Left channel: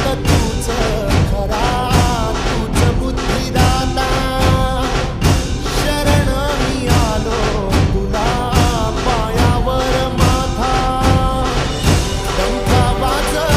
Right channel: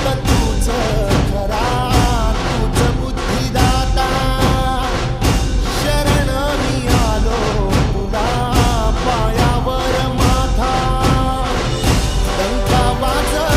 फक्त तूच खरा, तूच बुद्धिदाता. शरण मी आलो तुला पायावर माझा, डंका वाजविला